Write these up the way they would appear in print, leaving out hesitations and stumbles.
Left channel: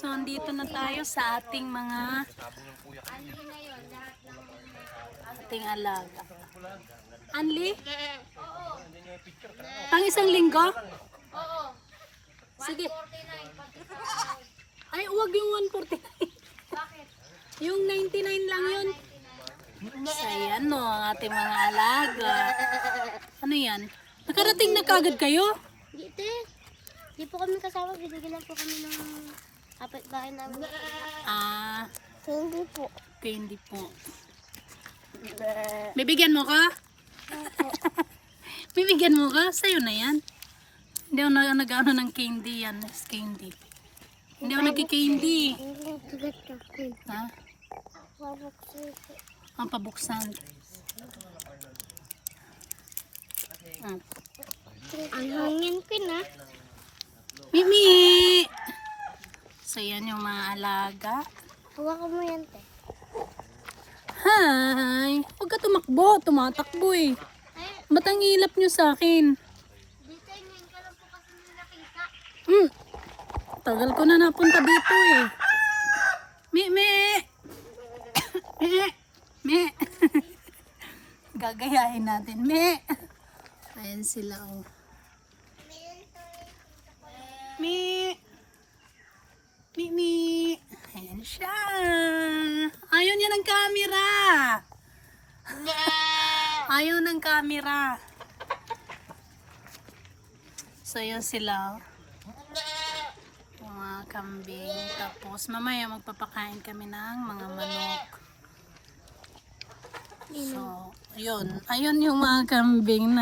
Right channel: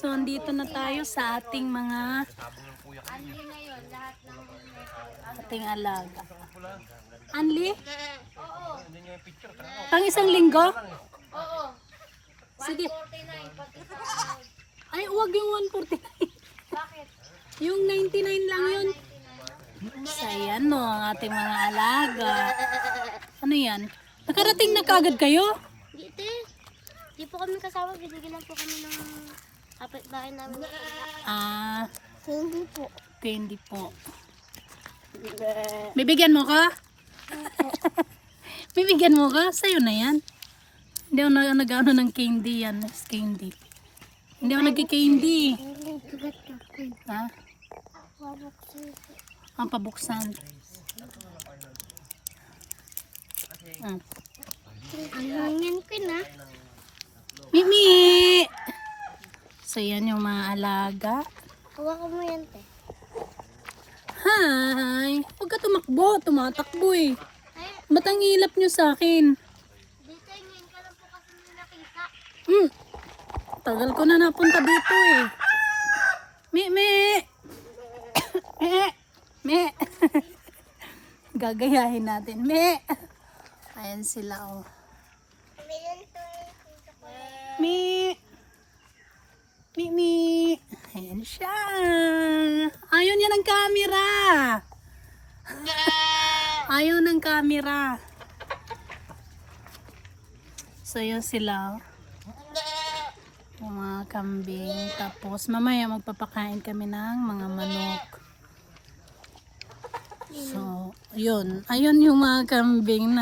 So, andito na tayo sa ating mga alaga. Anli? Pang isang linggo? Sige. Ay, huwag yung 149. Yung 99 lang yun. So, ayan no, ang ating mga alaga. Ano yan? Nakarating na kagad kayo? Hindi po kami kasama, binigyan lang po kami ng kapitbahay namin. Ah, Hindi po. candy po. Bibigyan mo ka? Bibigyan mo ka? Sa'yo na yan. Hindi ako nag-ano ng candy yan. Candy. Hindi ako nagki-candy. Tugat ka. Ha? Pabuksin po. Ang pabuksan. Ang hangin ko na. Mimi! So yan yung mga alaga. Hawakan mo yan. Hi! Huwag ka tumakbo. Tumatakbo eh. Ba't ang ilap nyo sa akin? Dito ngayon ka lang po kasi nakita. Tagal ko na napunta dito eh. Me! Me! Gagayahin natin. Me! Ayan sila oh. Me! Ayan siya. Ayaw niya ng camera. Ayaw ng camera. So yun sila. Yung mga kambing. Tapos mamaya magpapakain kami ng mga manok. So, yun. Ayun yung mga kambing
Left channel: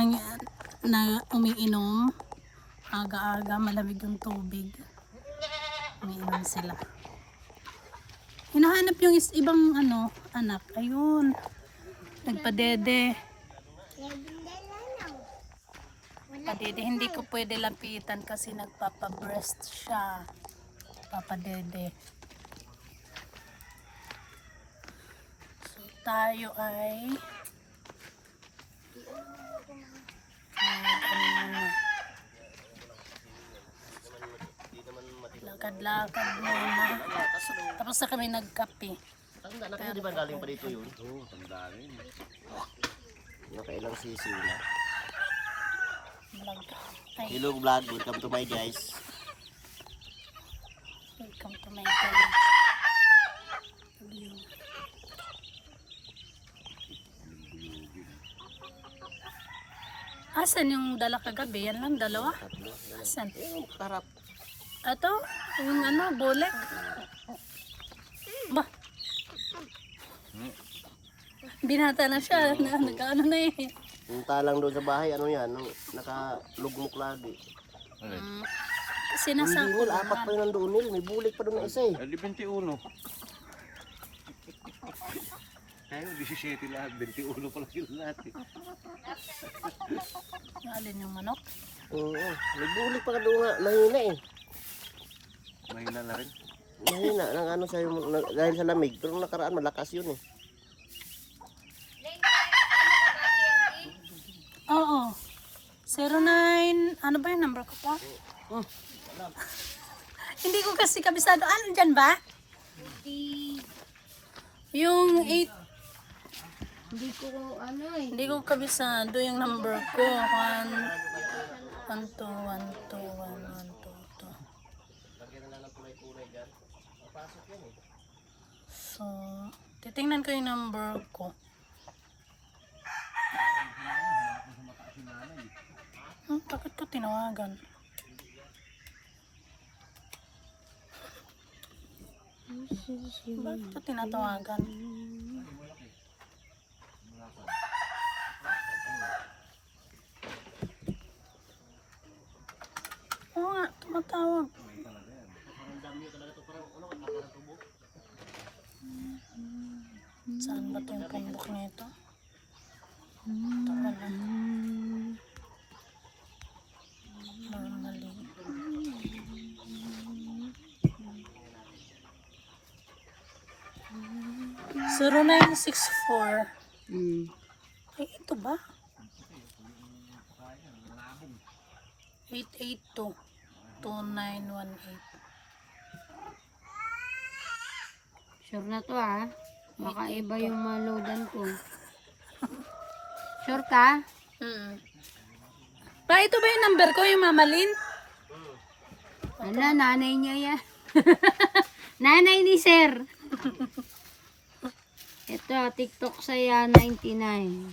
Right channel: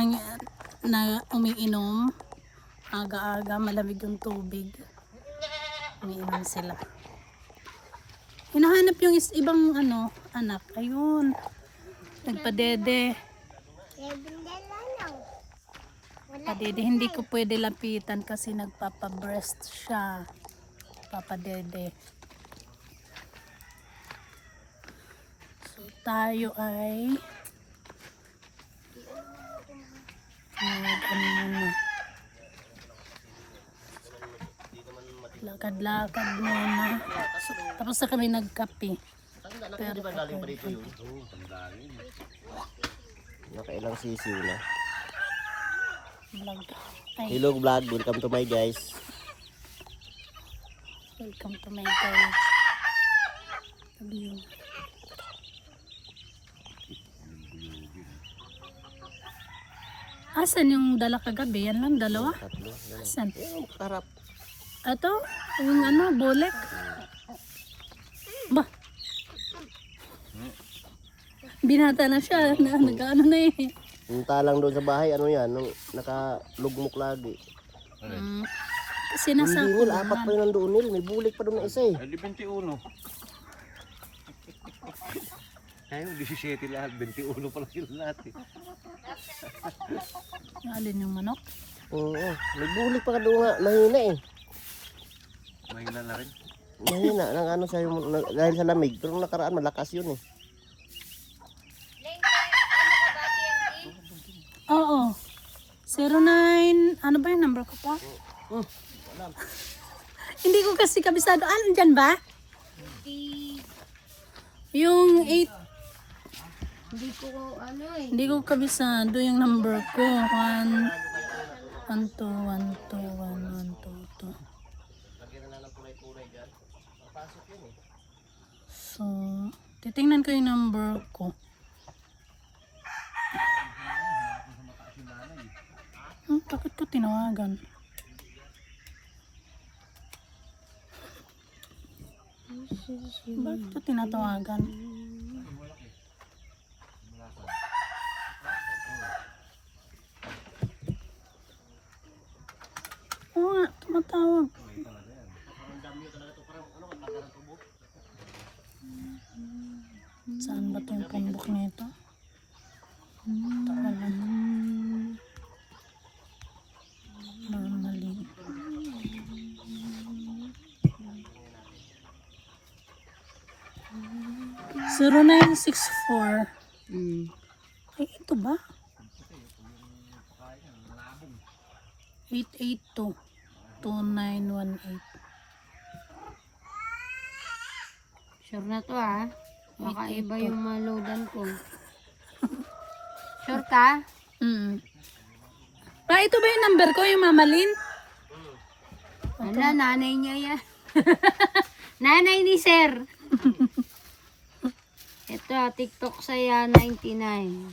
na umiinom. Aga-aga, malamig yung tubig. Umiinom sila. Hinahanap yung ibang anak. Ayun. Nagpadede. Padede. Hindi ko pwede lapitan kasi nagpapabreast siya. Papadede. So, tayo ay lakad-lakad muna. Tapos na kami nagkape. Pero nakailang sisiw na. Hello vlog, welcome to my guys. Welcome to my guys. Asan yung dala kagabi? Yan lang, dalawa? Asan? Harap. Ito? Yung bulek? Ba? Binata na siya. Nag-ano na eh. Yung talang doon sa bahay, ano yan, nung nakalugmok lagi. Kasi nasa Hindi nil, apat pa yun nandoon nil, may bulik pa doon na isa eh. Di 21. Ay, 17 lahat, 21 pa lang yun lahat eh. Alin yung manok? Oo, may bulik pa ka doon nga, mahina eh. Mahina na rin. Mahina, dahil sa lamig, pero nung nakaraan malakas yun eh. Oo. 09, ano ba yung number ko po? Hindi ko kasi kabisado. Ano dyan ba? Yung 8. Hindi ko Hindi ko kabisado yung number ko. 1, 1, 2, 1, 2, 1, 1, 2, 2. So, titingnan ko yung number ko. Bakit ko tinawagan? Bakit ko tinatawagan? Oo nga, tumatawag. Saan ba itong pambok nito? Zero 0964. Ay, ito ba? 882 2918. Sure na to ah. Baka iba yung maludan ko. Sure ka? Ito ba yung number ko, yung Mamalin? Ala, nanay niya yan. Nanay ni sir. Ito, TikTok saya 99.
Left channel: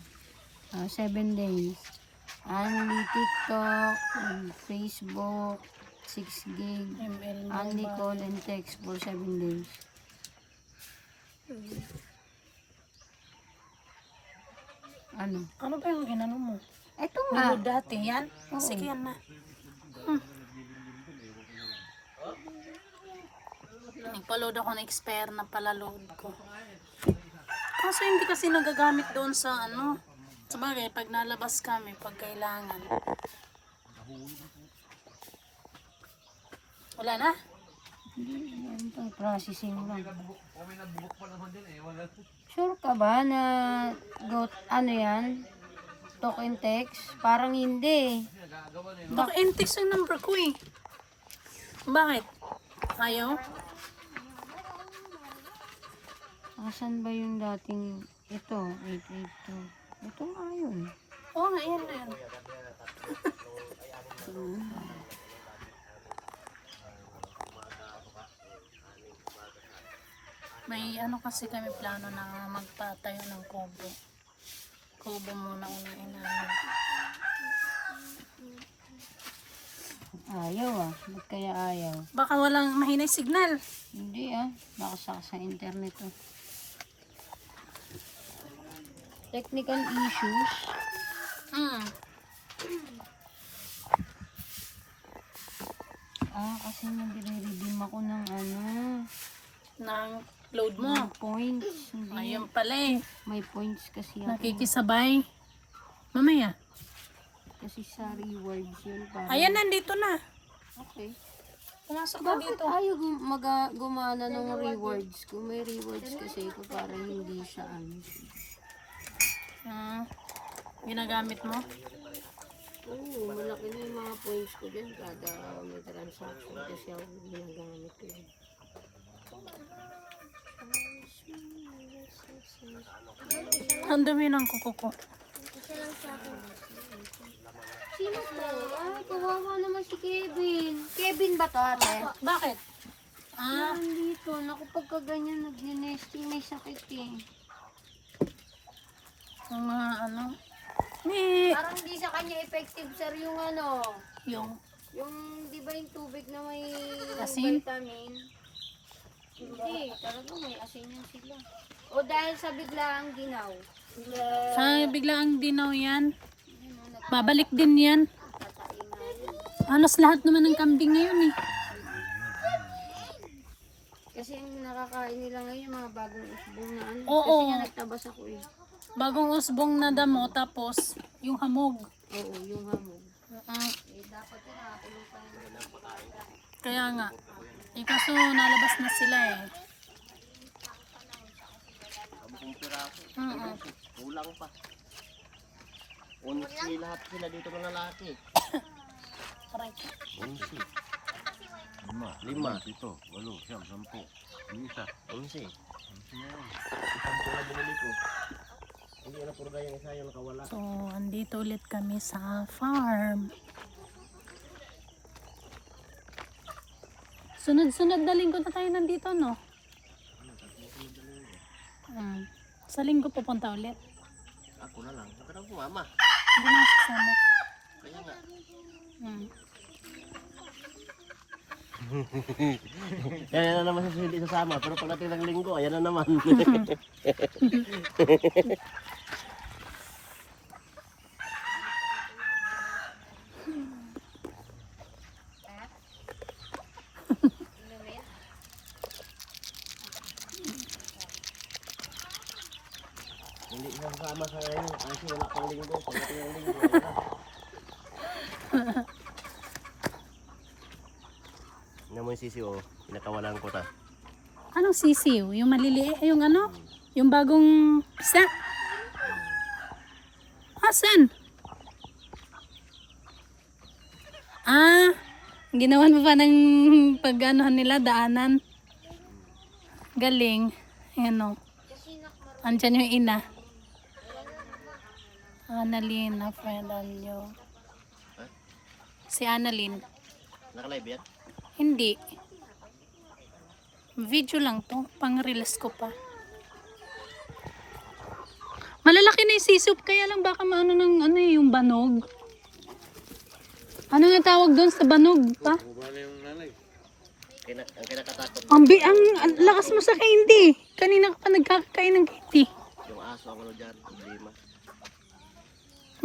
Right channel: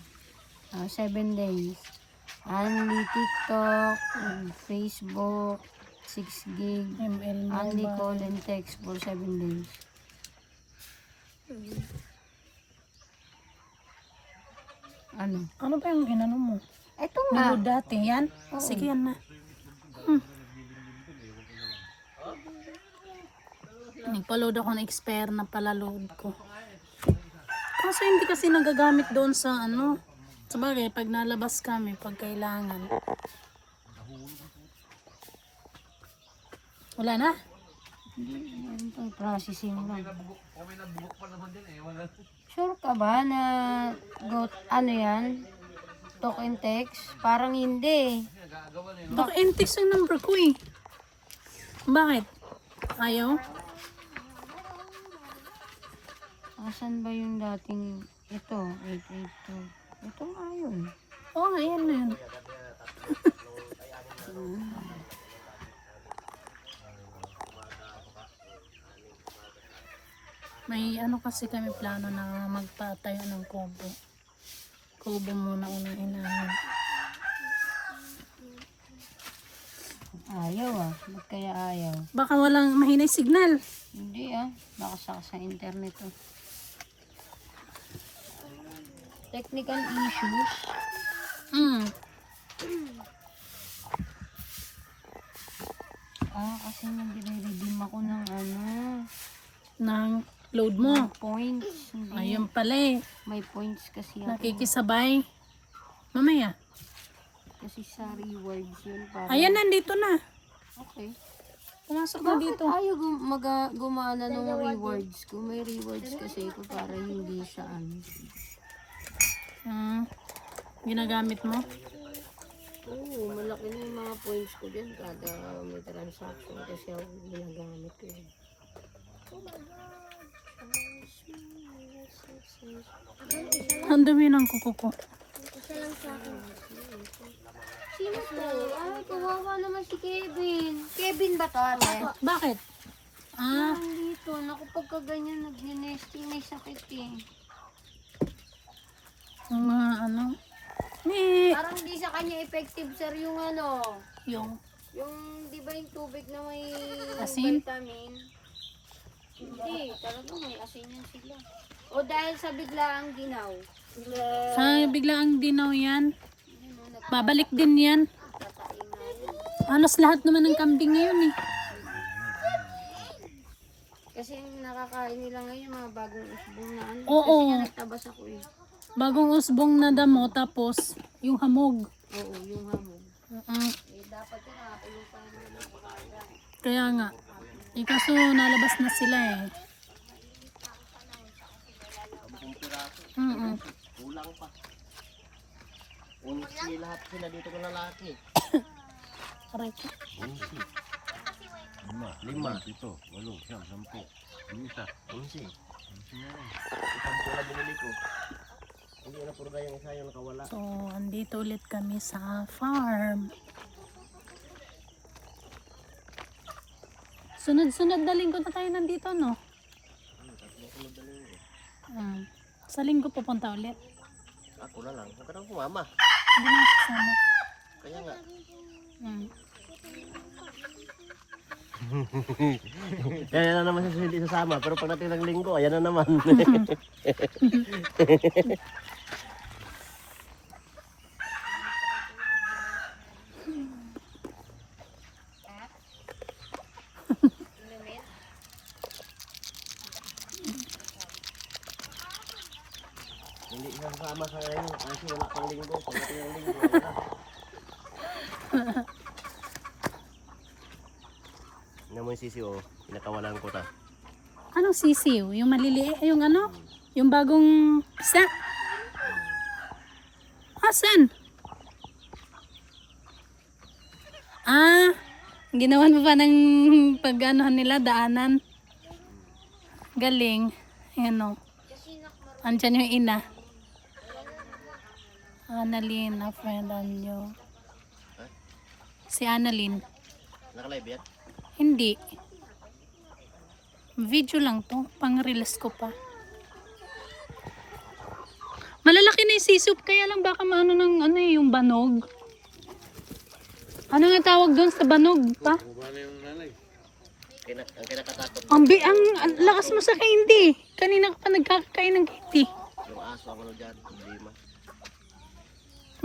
7 days. Only TikTok, Facebook, 6 gig. Only call and text for 7 days. Ano? Ano ba yung inano mo? Ito nga. Ano dati yan? Sige yan na. Nagpa-load ako ng expire na pala load ko. Kasi hindi kasi nagagamit doon sa ano. Sabagay, pag nalabas kami, pag kailangan. Wala na? Ang processing lang. Sure ka ba na ano yan? Talk and text? Parang hindi. Baka in-text yung number ko eh. Bakit? Ayaw? Asan ba yung dating ito? Ito nga yun. Oo, ayan na yun. May ano kasi kami plano na magpatayo ng kubo. Kubo muna unang inahin. Ayaw ah. Ba't kaya ayaw? Baka walang mahinay signal. Hindi ah. Baka sa internet ah. Technical issues. Kasi nagre-redeem ako ng ano. Nang load mo. Points. Hindi. Ayun pala eh. May points kasi ako. Nakikisabay. Mamaya. Kasi sa rewards yun. Para... Ayan, nandito na. Okay. Pumasok na dito. Ayaw gumana ng rewards ko. May rewards kasi ko para hindi siya ano. Ginagamit mo? Oo, malaki na yung mga points ko dyan. Kada may transaction kasi ako ginagamit ko. Ang dumi ng kuko ko. Sino to? Ay, kawawa naman si Kevin. Kevin ba to, ate? Bakit? Nandito. Naku, pagka ganyan nag-nesting may sakit eh. Mga ano? Parang hindi sa kanya effective, sir, yung ano. Yung Di ba yung tubig na may asin? vitamin? Hindi, talaga may asin yung sila. O dahil sa biglaang ginaw. Sa biglaang dinaw yan. Babalik din yan. Halos lahat naman ng kambing ngayon eh. Kasi yung nakakain nila ngayon, yung mga bagong usbong na ano. Oo. Kasi nga nagtabas ako eh. Bagong usbong na damo tapos yung hamog. Oo, yung hamon. Dapat yun natin yung pangalaman. Kaya nga. Kaso nalabas na sila eh. Kulang pa. Unsi lahat sila dito ko lalaki. Aray. 5, 7, 8, 9, 10, 11. 11 na rin. Isang pula binili ko. Hindi na purga yung isa yung nakawala. So, andito ulit kami sa farm. Sunod-sunod na linggo na tayo nandito, no? Sa linggo pupunta ulit. Ako na lang. Huwag ka nang kumama. Hindi na sasama. Kaya nga. Kaya na naman siya hindi sasama. Pero pag natin ng linggo, ayan na naman. Hindi siya sasama sa ngayon. Kasi wala pang linggo. Pag natin ng linggo, ayan na. Nga mo yung sisi o, pinakawalan ko ta. Anong sisiw? Yung maliliit? Yung ano? Yung bagong isa? Asan? Ginawan mo pa ng pag-anohan nila, daanan. Galing. Ayan o. Andyan yung ina. Annalyn, na friend nyo. Si Annalyn. Naka-live yan? Hindi. Video lang to. Pang-release ko pa. Malalaki na yung sisup. Kaya lang baka maano ng ano yung banog. Ano nga tawag doon sa banog pa? Ang kinakatakot. Ang lakas mo sa candy. Kanina ka pa nagkakain ng candy. Yung aso ako dyan. Problema.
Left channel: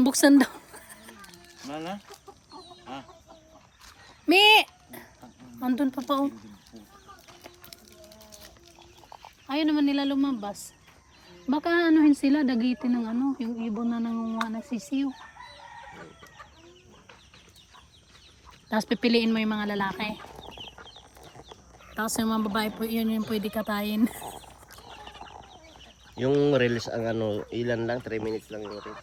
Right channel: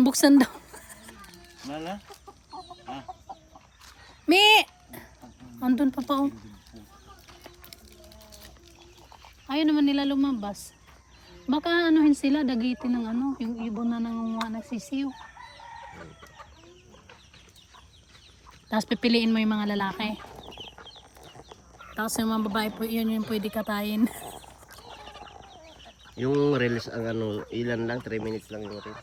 Buksan daw. Mala? Me! Andun pa pa oh. Ayaw naman nila lumabas. Baka anuhin sila, dagitin ng ano, yung ibon na ng mga nagsisiw. Tapos pipiliin mo yung mga lalaki. Tapos yung mga babae po, yun yung pwede katayin. Yung reels ang ano, ilan lang, 3 minutes lang yung reels.